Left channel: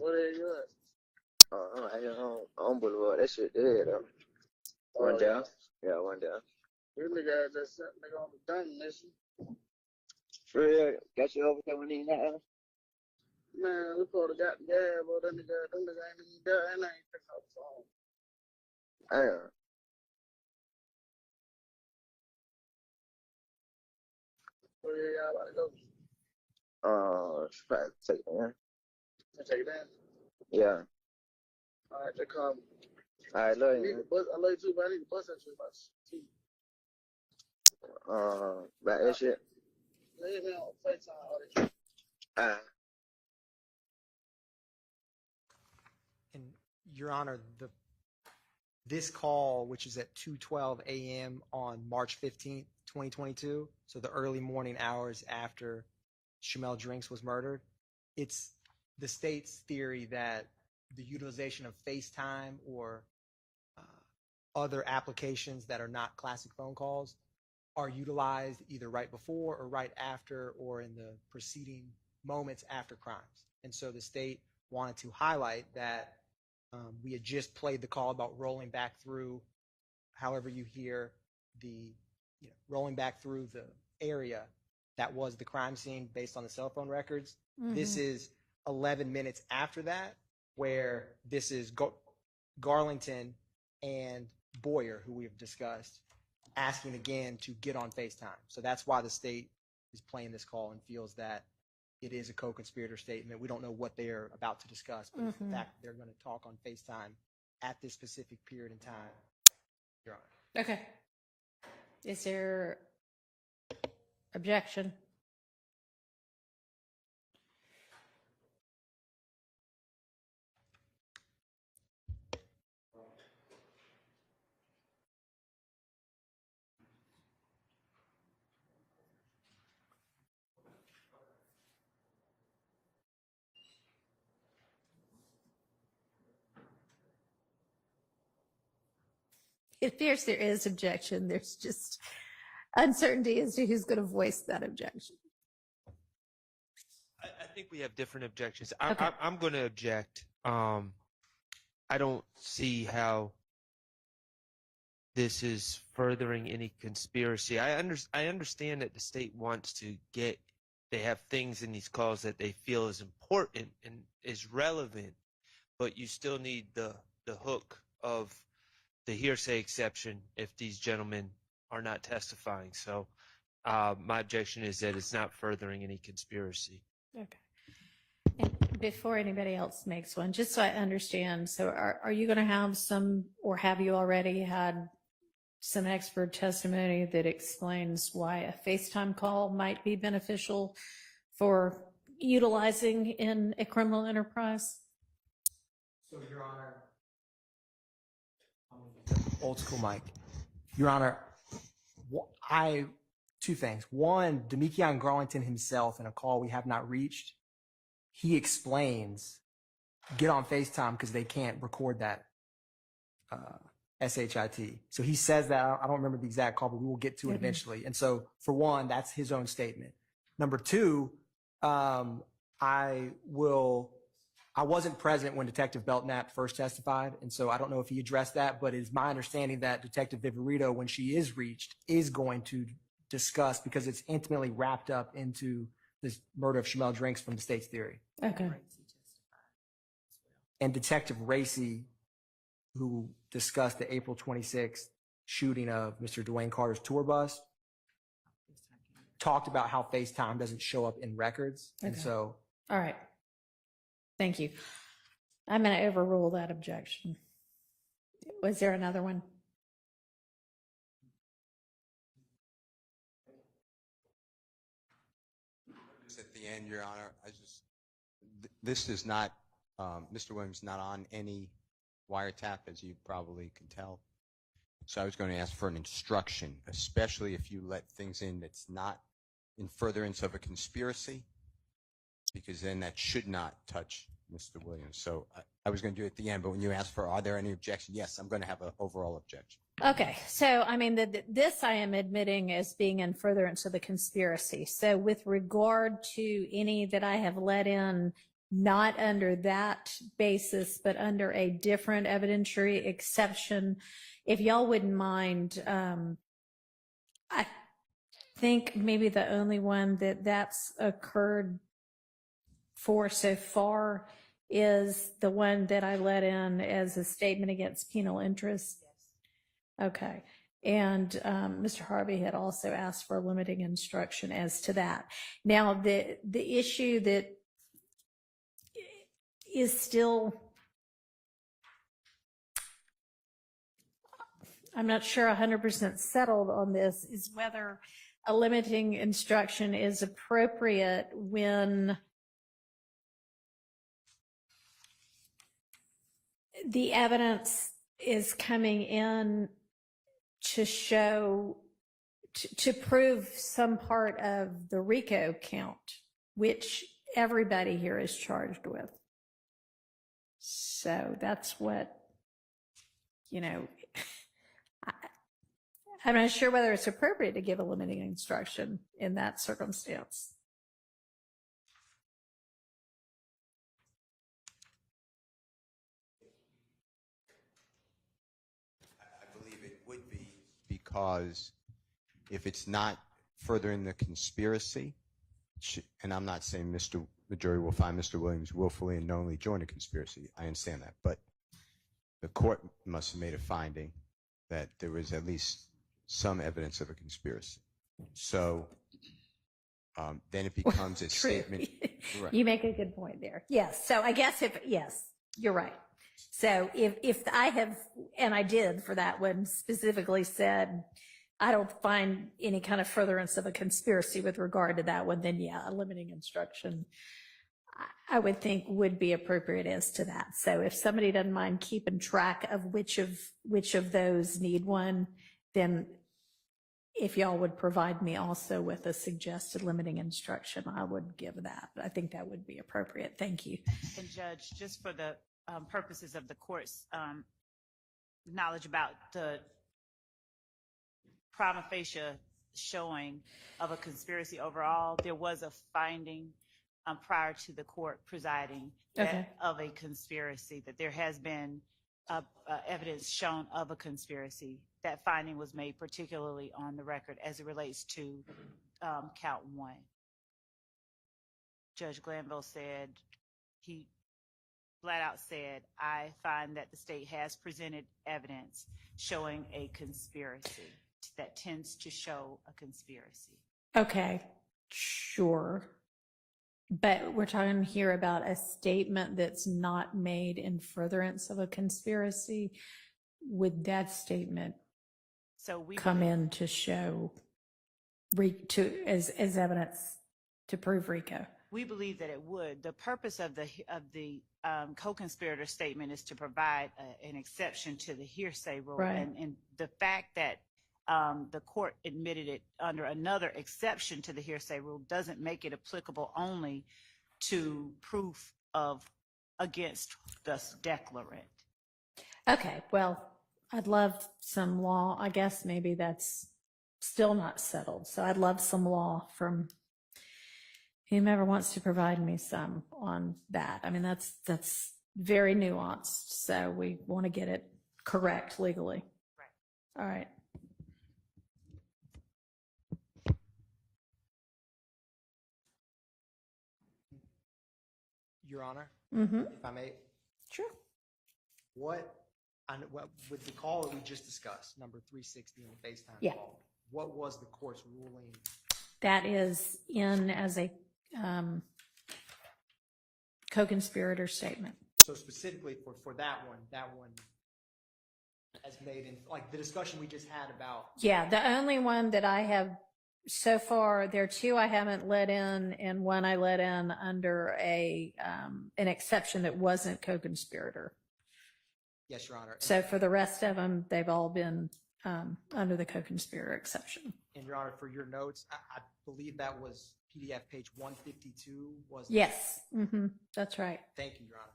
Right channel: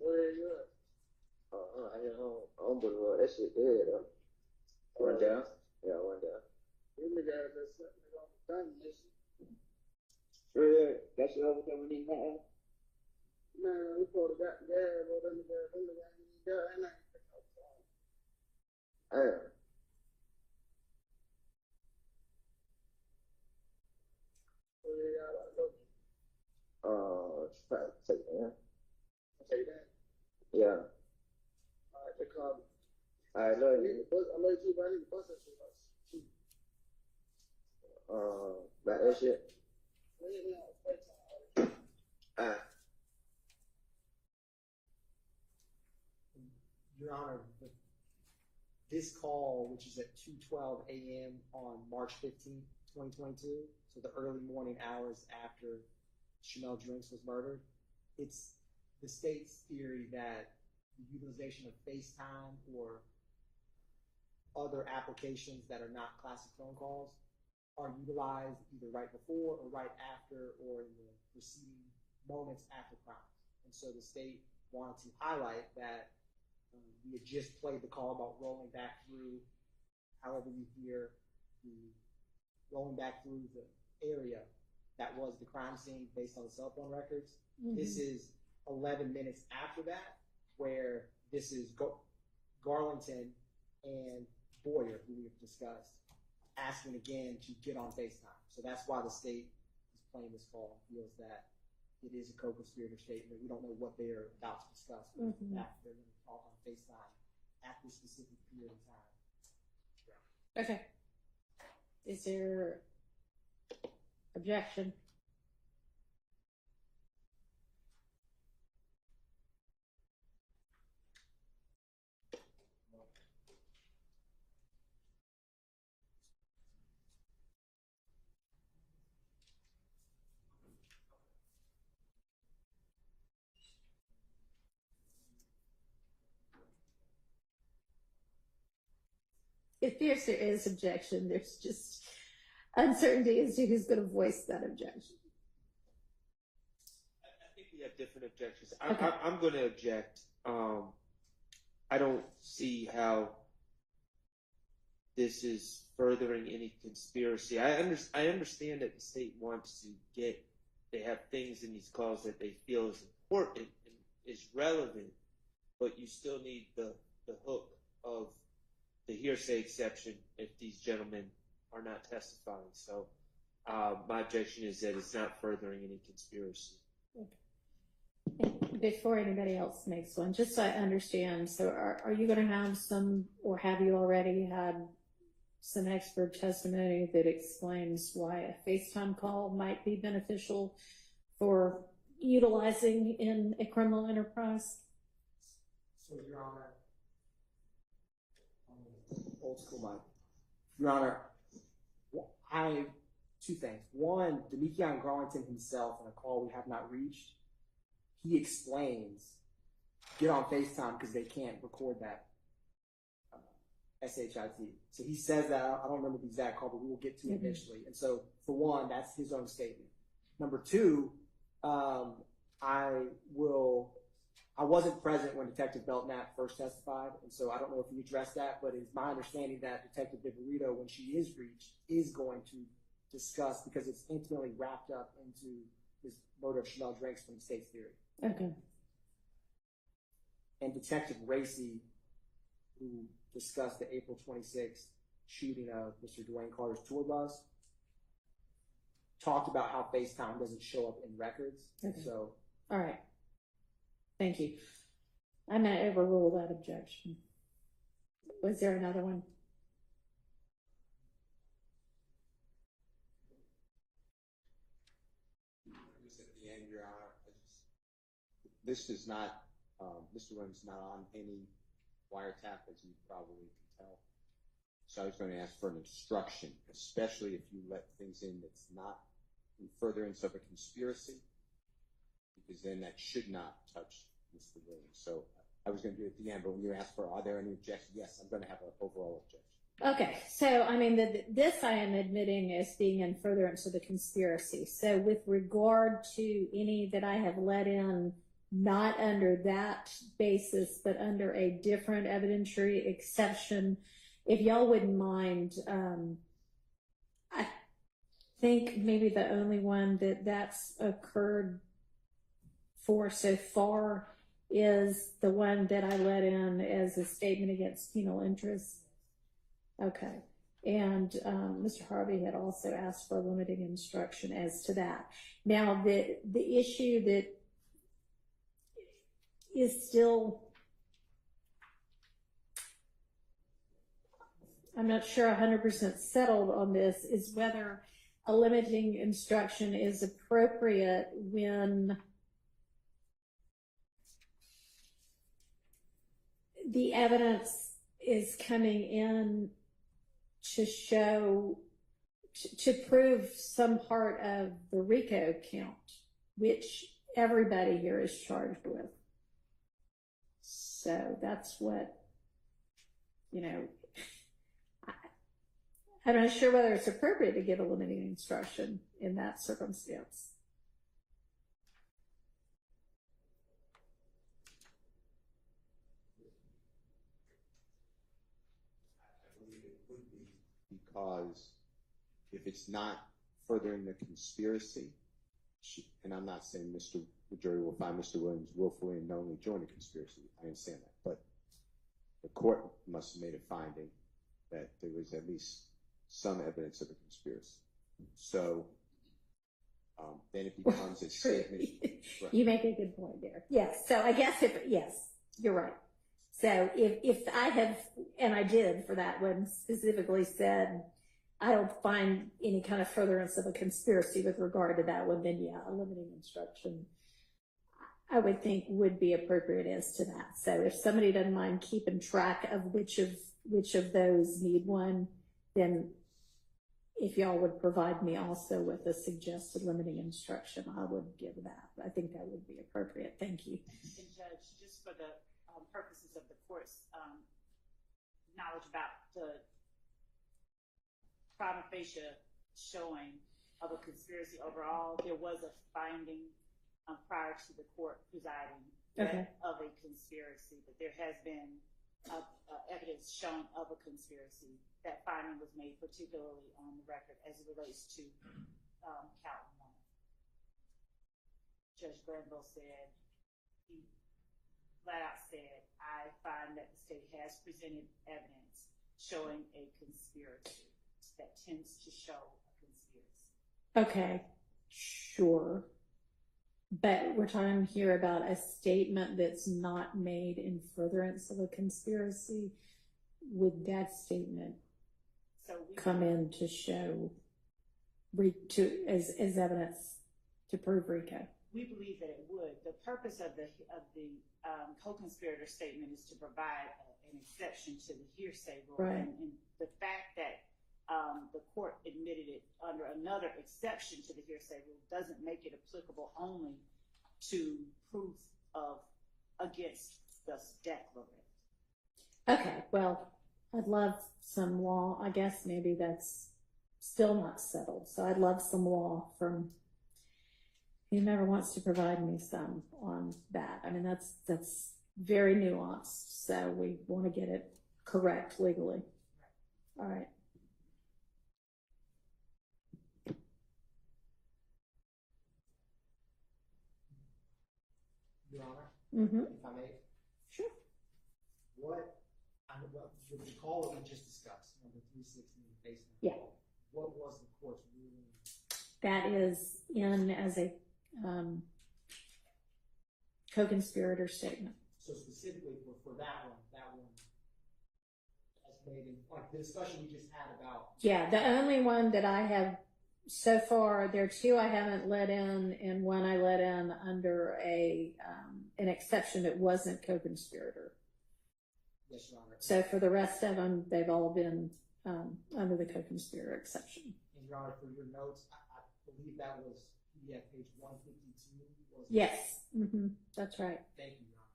What are you at? I on Boulevard. That shit there, though. One down. Yeah, one down. This nigga just sent nigga on the dumb mission. For real, got you over there when he had. Man, we probably got the gas, but that nigga ain't even there, and I ain't pick up the phone. Damn. Where y'all about to go? Try to take it, man. Take that? Yeah. All right, they call me. All right, love you. I love you too, but I need to bust that shit about you. About that shit. Leave me on Facetime all this shit. And Your Honor, this call, which is at 2:12 a.m. on March 15th, 2022, so the early morning hours after Shymel Drinks was murdered, it's the state's theory that the utilization of FaceTime or other applications that are not classic phone calls are utilized either right before or right after or in the preceding moments after crimes. And so the state wanted to highlight that we had just played the call about rolling back through, however you hear rolling back through the area that was the crime scene based on the cell phone records. Mm-hmm. This is 11 minutes after that, where this is Garlington and Boyer, who we've discussed, asking again to get on FaceTime. So that's why the state is playing this call and feels that it is a co-conspirator statement. We don't know what they're about to discuss, but in fact, they're going to talk on FaceTime at this specific period in time, Your Honor. Okay. Is there objection? It appears there is objection. There's just uncertainty as to who's going to voice that objection. I think we have different objections. Okay. I'm going to object. I don't see how this is furthering any conspiracy. I understand that the state wants to they have things in these calls that they feel is important and is relevant, but you still need the hook of the hearsay exception if these gentlemen are not testifying. So my objection is that it's not furthering any conspiracy. Okay. And before anybody else makes one, just so I understand, so are you going to have some, or have you already had some expert testimony that explains why a FaceTime call might be beneficial for utilizing in a criminal enterprise? So, Your Honor, old school mic. Your Honor, two things. One, Damikeon Garlington himself, in a call we have not reached, he explains, get on FaceTime because they can't record that SHIT. So he says that. I don't remember the exact call, but we will get to it eventually. And so, for one, that's his own statement. Number two, I wasn't present when Detective Belknap first testified, and so I don't know if he addressed that, but it's my understanding that Detective Viverito, when she is reached, is going to discuss, because it's intimately wrapped up into this murder of Shymel Drinks from the state's theory. Okay. And Detective Racy, who discussed the April 26th shooting of Mr. Dwayne Carter's tour bus, talked about how FaceTime doesn't show up in records. Okay. And so... All right. Thank you. I'm going to overrule that objection. Was there another one? Just at the end, Your Honor, this is not, Mr. Williams not on any wiretap, as you probably can tell. So I was going to ask for an instruction, especially if you let things in that's not in furtherance of a conspiracy, because then that should not touch Mr. Williams. So I was going to do it at the end, but when you asked for, are there any objections? Yes, I'm going to have an overall objection. Okay, so I mean, this I am admitting as being in furtherance of the conspiracy. So with regard to any that I have let in not under that basis, but under a different evidentiary exception. If y'all wouldn't mind, I think maybe the only one that's occurred for so far is the one that I let in as a statement against penal interest. Okay. And Mr. Harvey had also asked for a limiting instruction as to that. Now, the issue that is still, I'm not sure 100% settled on this, is whether a limiting instruction is appropriate when the evidence is coming in to show, to prove some part of the RICO count, which everybody here is charged with. So that's what, you know, I'm not sure whether it's appropriate to give a limiting instruction in that circumstance. I believe it would be, because if it's not furthering the conspiracy, and I'm not saying the jury will find Mr. Williams willfully and knowingly joined a conspiracy. I understand that. But the court must have made a finding that there was at least some evidence of a conspiracy. So then it becomes a statement. Right. You make a good point there. Yes. So I guess yes, you're right. So if I have, and I did for that one, specifically said, I don't find any kind of furtherance of a conspiracy with regard to that one, then yeah, a limiting instruction I would think would be appropriate as to that. So if somebody doesn't mind keeping track of which of those need one, then if y'all would provide me also with a suggested limiting instruction, I would give that. I think that would be appropriate. Thank you. And Judge, just for the purposes of the court's knowledge about the prima facie showing of a conspiracy overall, there was a finding prior to the court presiding of a conspiracy, that there has been evidence shown of a conspiracy. That finding was made particularly on the record as it relates to count one. Judge Glanville said, he flat out said, I find that the state has presented evidence showing a conspiracy that tends to show a conspiracy. Okay, sure. But we're talking here about a statement that's not made in furtherance of a conspiracy. Would that statement come in to show as evidence to prove RICO? We believe that it would. The purpose of the co-conspirator statement is to provide an exception to the hearsay rule, right. And the fact that the court admitted it under another exception to the hearsay rule doesn't make it applicable only to proof of against the declarant. Okay, well, I'd love some law. I guess maybe that's still not settled. So I'd love some law from whomever wants to provide me some on that. I mean, that's very nuanced. So we want to get it correct legally. Right. All right. Your Honor, Mm-hmm. if I may, Sure. what with the call that we just discussed, number 360 in the FaceTime Yeah. call, what was the court's ruling? That is in as a co-conspirator statement. So specifically for that one as made in, like the discussion we just had about. Yeah, the only one that I have so far, there are two I haven't let in, and one I let in under an exception that wasn't co-conspirator. Yes, Your Honor. So for the rest of them, they've all been under the co-conspirator exception. And Your Honor, for your notes, I believe that was PDF page 152. Was it? Yes, that's right. Thank you, Your Honor.